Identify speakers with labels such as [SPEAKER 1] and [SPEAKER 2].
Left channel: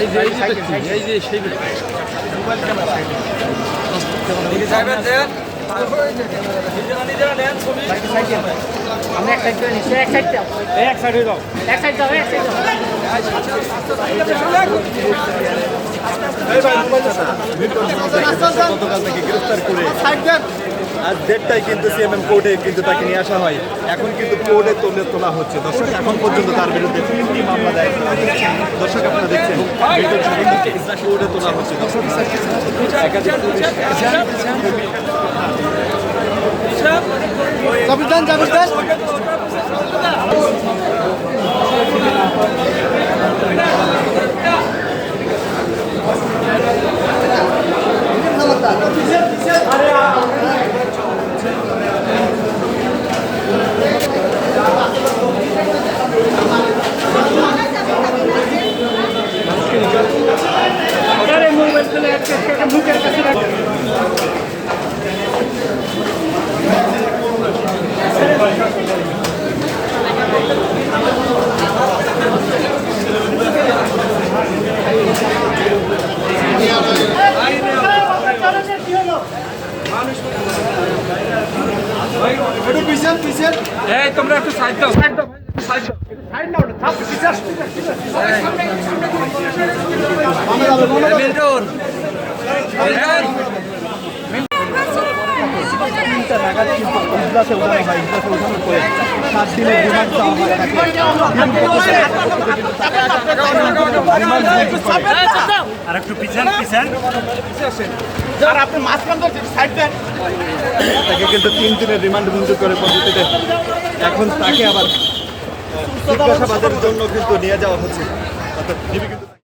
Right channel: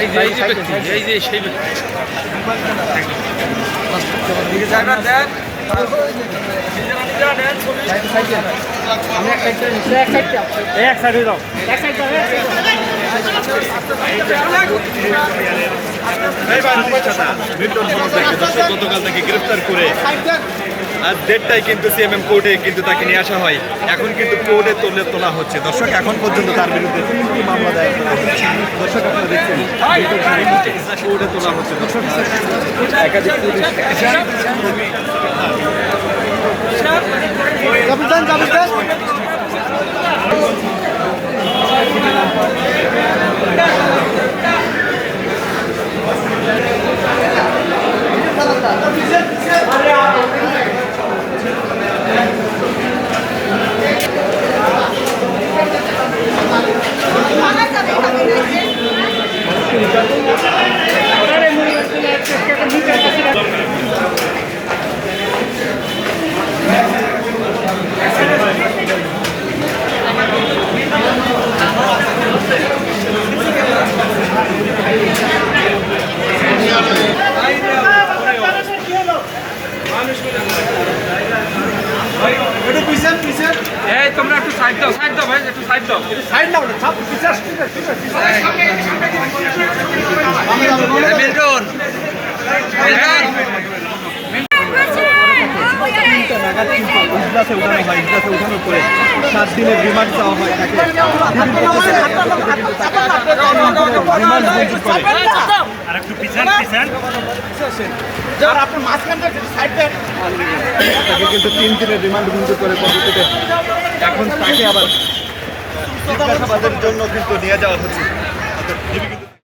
[SPEAKER 1] এই যে এই যে ব্যক্তি, এই যে সেই ব্যক্তি। এক সাইড দাও।
[SPEAKER 2] এক মিল্টন সমস্যাকে গতকাল থেকে গ্রেফতার করে আজ দেড়টায় কিন্তু সিএমএম কোর্টে কিন্তু তাকে নিয়ে আসা হয় এখন কিন্তু কোর্টে তোলে তোলা হচ্ছে দর্শক এখন পর্যন্ত তার বিরুদ্ধে দেখছেন তোলা হচ্ছে
[SPEAKER 1] তোমরা একটু সাইড দাও সাইড দাও ভাই একটু সাইড দাও মিল্টন
[SPEAKER 2] কিন্তু কিন্তু তিন দিনের রিমান্ড মঞ্জুর করে পদ্ধতিতে। এখন তাকে আবার জিজ্ঞাসাবাদের জন্য কিন্তু নিয়ে যাওয়া হচ্ছে।